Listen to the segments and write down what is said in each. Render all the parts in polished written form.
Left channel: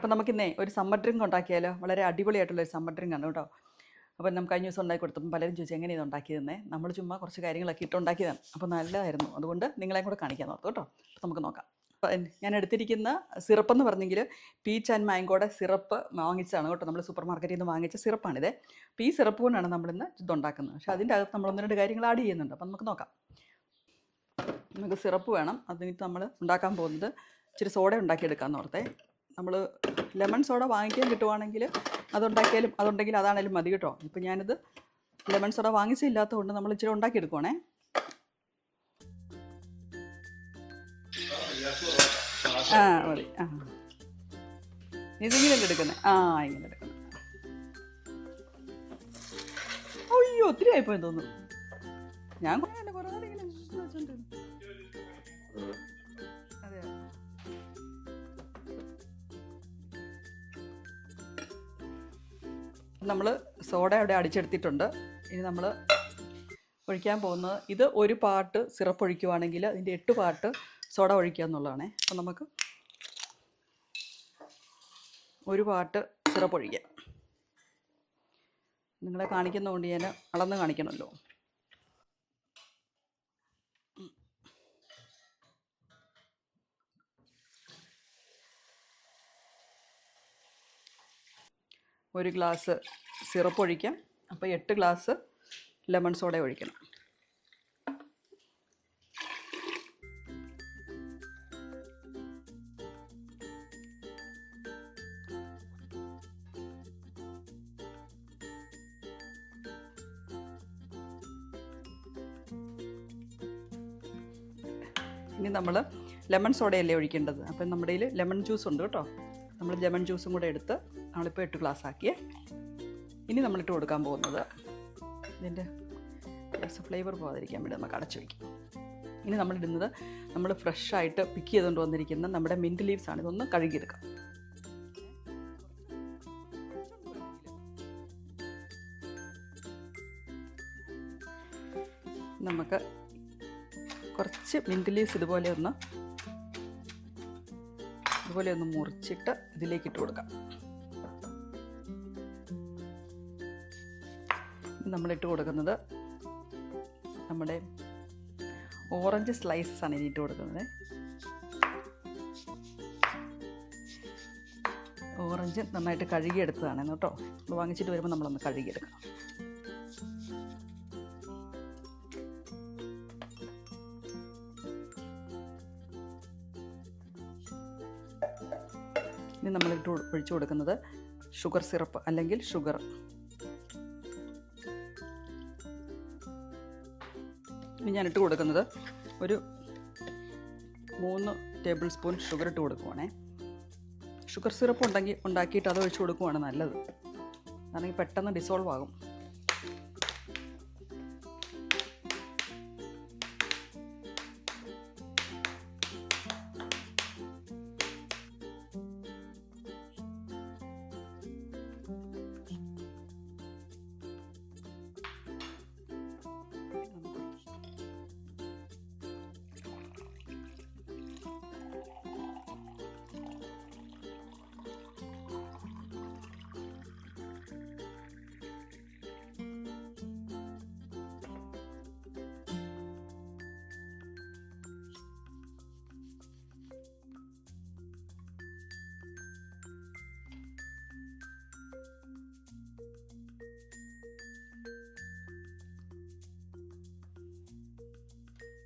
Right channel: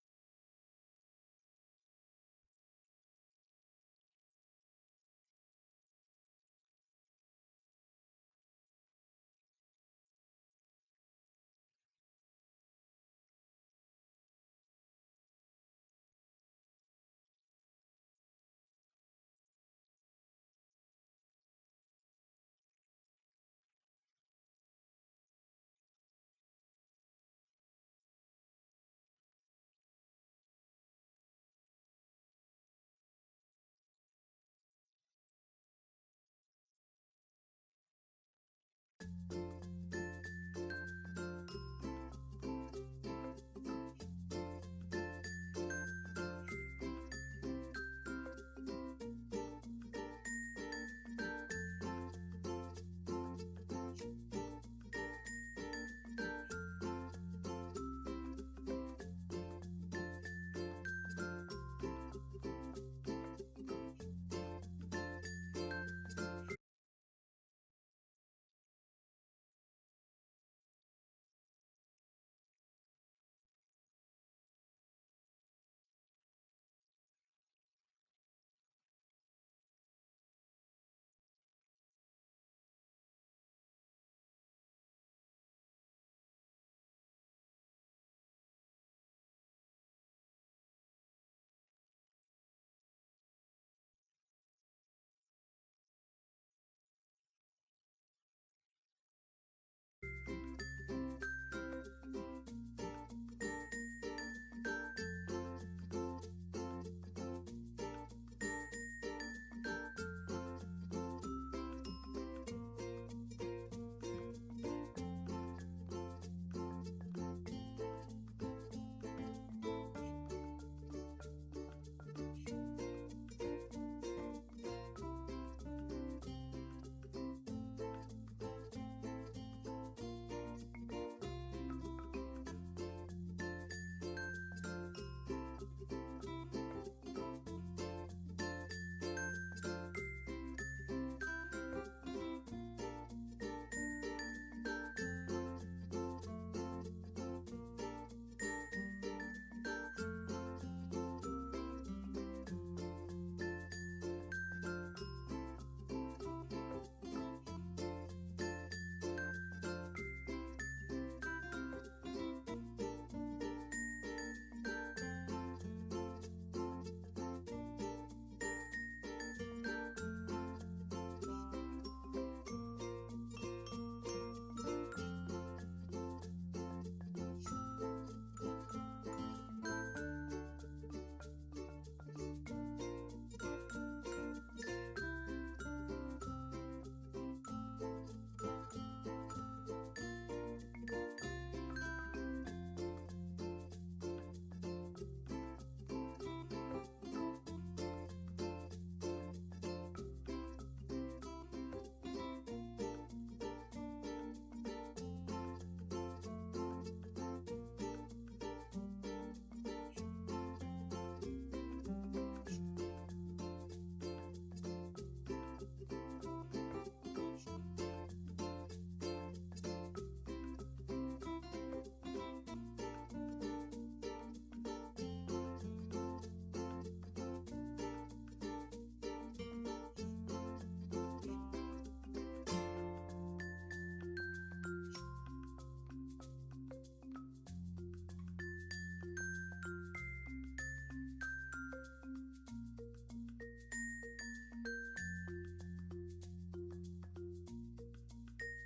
അപ്പോൾ നമുക്കിന്നേ ഒരു summer drink ഉണ്ടാക്കിയാലോ? വളരെ അടിപൊളിയായിട്ടുള്ളൊരു സമ്മർ ഡ്രിങ്ക് ആണ് കേട്ടോ. അപ്പോൾ നമുക്ക് കഴിഞ്ഞ ദിവസം ഉണ്ടാക്കി കൊടുത്തപ്പോൾ പലരും ചോദിച്ചു എങ്ങനെയാണ് ഇത് ഉണ്ടാക്കിയതെന്നേ. നമ്മൾ ചുമ്മാ കുറച്ച് കാര്യങ്ങളൊക്കെ ഇട്ട് ഉണ്ടാക്കിയതാണ്. അപ്പോൾ നല്ലതായിരുന്നു. അതുകൊണ്ട് നിങ്ങളെയും കൂടെ കാണിക്കാൻ ഓർത്തു കേട്ടോ. അപ്പോൾ നമുക്ക് നോക്കാം. അപ്പോൾ ഞാൻ എടുത്തിരിക്കുന്ന സിറപ്പ് എന്ന് പറഞ്ഞെങ്കിൽ പീച്ച് ആൻഡ് മാംഗോയുടെ സിറപ്പ് വാങ്ങിച്ചതാണ് കേട്ടോ. നമ്മൾ സൂപ്പർ മാർക്കറ്റിൽ നിന്ന് വാങ്ങിച്ച സിറപ്പാണിത്. അപ്പോൾ ഈ സിറപ്പ് കൊണ്ടാണ് നമ്മളിന്ന് ഇതുണ്ടാക്കുന്നത്. പക്ഷേ അതിൻ്റെ അകത്ത് നമ്മൾ ഒന്ന് രണ്ട് കാര്യങ്ങൾ ആഡ് ചെയ്യുന്നുണ്ട്. അപ്പോൾ നമുക്ക് നോക്കാം. നമുക്ക് സിറപ്പ് വേണം. അതിനിട്ട് നമ്മൾ ഉണ്ടാക്കാൻ പോകുന്നത് ഇച്ചിരി സോഡ ഉണ്ടാക്കിയെടുക്കാമെന്ന് ഓർത്തേ. നമ്മൾ ലെമൺ സോഡ വാങ്ങിക്കാൻ കിട്ടുവാണെങ്കിൽ അതുണ്ടെങ്കിൽ അതാണേലും മതി കേട്ടോ. ഇപ്പം ഞാനിത് ലെമൺ സോഡ വാങ്ങിച്ചില്ലാത്തത് കൊണ്ട് നമ്മൾ ഇച്ചിരി ഉണ്ടാക്കിയെടുക്കുവാണേ. മതി. ഇതിങ്ങനെയല്ലേ എടുക്കുന്നത്? ഇങ്ങനെ എടുക്കുന്നത്. അയ്യോ ഒത്തിരി ആയിപ്പോയി തോന്നുന്നു. ഞാൻ കുറേ നാൾ ഇങ്ങനെ വെച്ചിട്ടുണ്ട്. നമ്മൾ സോഡ അവിടെ അടിച്ചെടുത്തിട്ടുണ്ട്. ഇനി നമ്മൾ ഒഴിക്കാൻ പോകുന്നത് ഇത് ഒരു പാർട്ട് സിറപ്പ് ഒഴിക്കുവാണെങ്കിൽ അതിൻ്റെ 8 പാർട്ട് സോഡ ഒഴിക്കുക എന്നുള്ളതാണ്. അപ്പം നമുക്ക് ഒരു പാർട്ട് സിറപ്പ് ഒഴിക്കാം. നിങ്ങളെ കാണിക്കുന്നതുകൊണ്ട് ഞാൻ അളന്ന് കാണിക്കണമല്ലോ. ഒരു ഗ്ലാസ് സിറപ്പ് ഒഴിക്കാം. അപ്പോൾ 8 ഗ്ലാസ് ലെമൺ സോഡ ഒഴിക്കണം. ഇനി നമ്മൾ ലെമൺ സോഡയല്ലേ ഒഴിക്കേണ്ടത്. അപ്പം നമ്മുടെ കയ്യിൽ ലെമൺ ജ്യൂസ് ഉണ്ട് കേട്ടോ. നമ്മൾ ലെമൺ ജ്യൂസും കൂടെ എടുത്ത് നമ്മളിപ്പോൾ 8 ഗ്ലാസ് ആക്കിയേ. ഇനി നമ്മളിട്ട് കൊടുക്കാൻ പോകുന്നത് ഇതിൻ്റെ ഫ്ലേവർ പോകാതിരിക്കാൻ വേണ്ടി നമുക്ക് അടച്ചു വയ്ക്കും. ഇനി നമ്മളിടുന്നത് നമ്മൾ ഫ്രഷായിട്ട് പിക്ക് ചെയ്തുകൊണ്ട് വന്നിരിക്കുന്ന നമ്മുടെ മിൻറ്റ് ലീവ്സ് ആണ്. ഇതൊന്ന് കഴുകിയെടുക്കാം. നമുക്ക് കുറച്ച് മിൻറ്റ് ലീവ്സ് ഇതുപോലെ ഒന്ന് മുറിച്ചിട്ട് ഇതിലേക്ക് ഇട്ട് കൊടുക്കാം. നമ്മളിട്ട് കൊടുക്കുന്നത് നമ്മുടെ ഓറഞ്ച് സ്ലൈസസ് ആണ് ഇട്ട് കൊടുക്കുന്നത്. ഓറഞ്ച് നന്നായിട്ട് കഴുകിയെടുത്തതാണ് കേട്ടോ. വാങ്ങിച്ചിട്ട് വരുമ്പോൾ നമ്മളൊന്ന് കഴുകിയെടുക്കണം. ഇനി നമ്മളിട്ട് ഒഴിച്ചു കൊടുക്കുന്നത് ഷുഗർ സിറപ്പ് അല്ലെങ്കിൽ ഷുഗർ. ഇനി ഞാനിട്ട് കൊടുക്കുന്നത് ഒരു 3 ടേബിൾ സ്പൂൺ ഷുഗർ ഇട്ട് കൊടുക്കുവാണേ. ഷുഗർ സിറപ്പ് ഉണ്ടാക്കിയിട്ട് അത് ഒഴിച്ച് കൊടുക്കുവാണ് നല്ലത്. അതാണെങ്കിൽ പെട്ടെന്ന് ഡിസോൾവ് ആകും.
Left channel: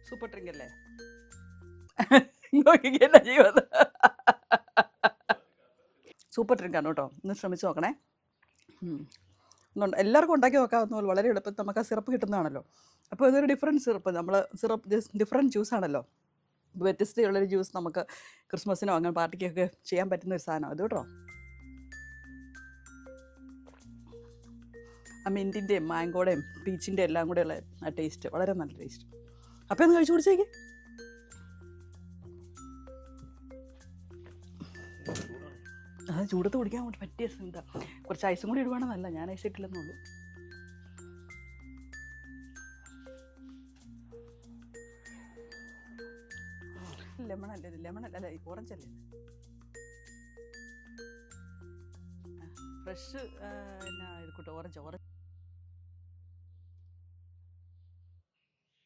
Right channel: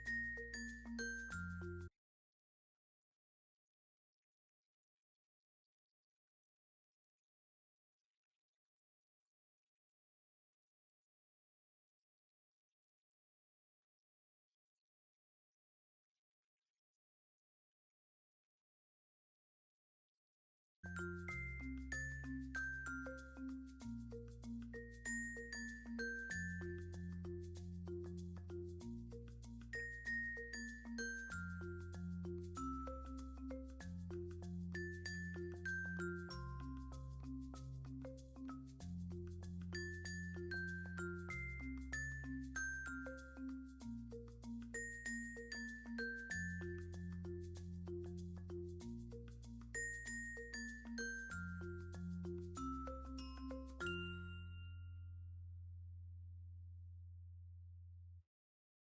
സൂപ്പർ ഡ്രിങ്ക് അല്ലേ? നോക്കിക്കല്ല ചെയ്യുന്നത്. സൂപ്പർ ഡ്രിങ്കാണ് കേട്ടോ. ഒന്ന് ശ്രമിച്ച് നോക്കണേ. എല്ലാവർക്കും ഉണ്ടാക്കി നോക്കാവുന്ന പോലെ വളരെ എളുപ്പത്തിൽ നമുക്ക് ആ സിറപ്പ് കിട്ടുന്നതാണല്ലോ. അപ്പോൾ ഇതൊരു ഡിഫറെൻറ്റ് സിറപ്പ്. നമ്മൾ സിറപ്പ് ഡിഫറെൻറ്റ് ജ്യൂസാണല്ലോ. വ്യത്യസ്തമുള്ളൊരു ജ്യൂസ് നമുക്ക് ക്രിസ്മസിനോ അങ്ങനെ പാർട്ടിക്കൊക്കെ ചെയ്യാൻ പറ്റുന്ന ഒരു സാധനം അത് കേട്ടോ. ആ മിൻറ്റിൻ്റെയും മാംഗോയുടെയും പീച്ചിൻ്റെ എല്ലാം കൂടെയുള്ള ആ ടേസ്റ്റ് വളരെ നല്ല ടേസ്റ്റ്. അപ്പോൾ ഒന്ന് കഴിച്ചു കുടിച്ചേക്ക്. അത് ചൂടത്ത് കുടിക്കാൻ വേണ്ടി പറ്റിയ എന്താ കുറച്ച് ഐസും കൂടി ഇടുവാണെന്നല്ല, ഞാൻ ഐസ് ഇട്ടില്ലെന്നുള്ളൂ. ലെമൺ അല്ലേ, ഓറഞ്ച് അല്ലേ? ഫ്രഷ് എന്നാ ഇത് കൂട്ടോ ഓറഞ്ച്